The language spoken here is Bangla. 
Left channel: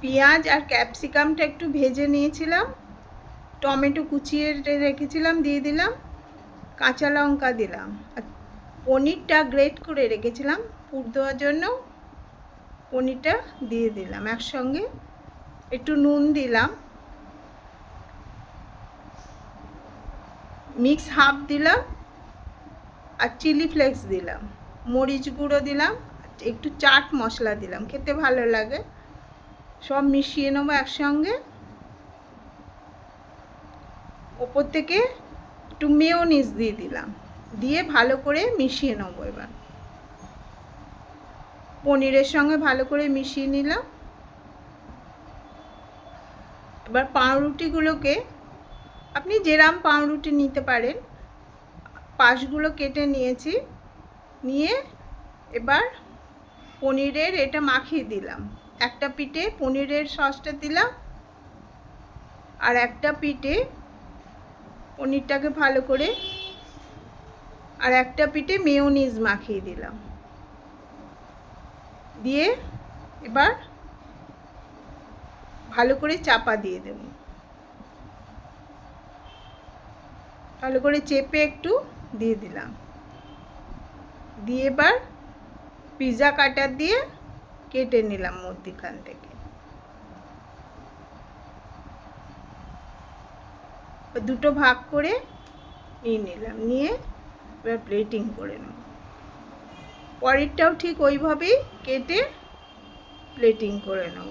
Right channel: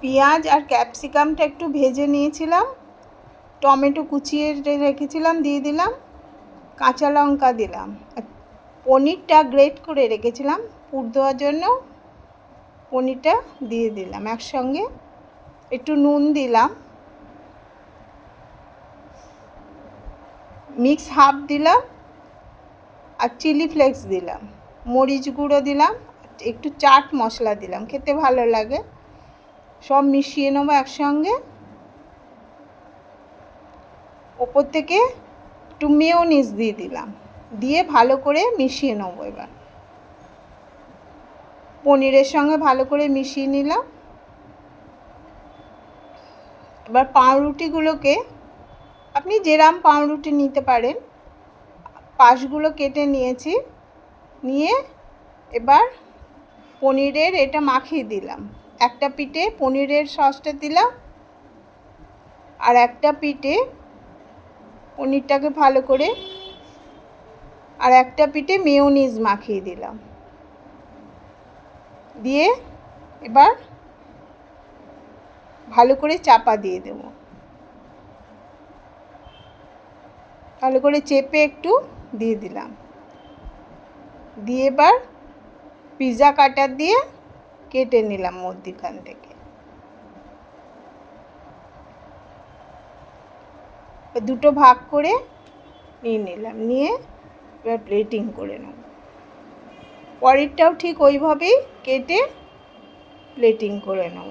পেঁয়াজ আর ক্যাপসিকামটা একটু ভেজে নিয়েছিলাম, টমেটো কুচিয়ে রেখেছিলাম দিয়ে দিলাম, কাঁচা লঙ্কা দিলাম, আর পনিরটা গ্রেট করে রেখেছিলাম পুর দেওয়ার জন্য, পনিরটা দিয়ে দিলাম একসঙ্গে, একটু নুন দিলাম, মিক্স হাফ দিলাম, আর চিলি ফ্লেক্স দিলাম, মরিচ গুঁড়ো দিলাম, একটু চাট মশলা দিলাম, খেতে ভালো লাগে। সব মিশিয়ে নেবো একসঙ্গে। ওপর থেকে একটু মেয়োনিজ দিয়ে দিলাম, দিয়ে ভালো করে মিশিয়ে নেবো। এবার পনিরের সঙ্গে ভালো করে মিশিয়ে নিলাম। এবার পাউরুটিগুলোকে আপনি যেরকম পাউরুটি নিতে পারেন, পাশগুলো কেটে নিয়েছি, নিয়ে এবার পনিরের এটা মাখিয়ে দিলাম। একটা পিঠে পনিরের সসটা দিলাম, আর একটা পিঠে পনিরটাকে ভালো করে, আর একটা পিঠে মেয়োনিজ মাখিয়ে দিলাম, দিয়ে এবার ভালো করে চাপা দিয়ে দেব। ভালো করে চেপে একটু দিয়ে দিলাম, দিয়ে এবার পিৎজা কাটার দিয়ে কেটে নিলাম মধ্যিখান থেকে। দুটো ভাগ করে নিয়ে নিলাম, নিয়ে এবার প্লেটিং করে নেব। পরেরটাও ঠিক ওইভাবেই কেটে প্লেটিং করে নেব।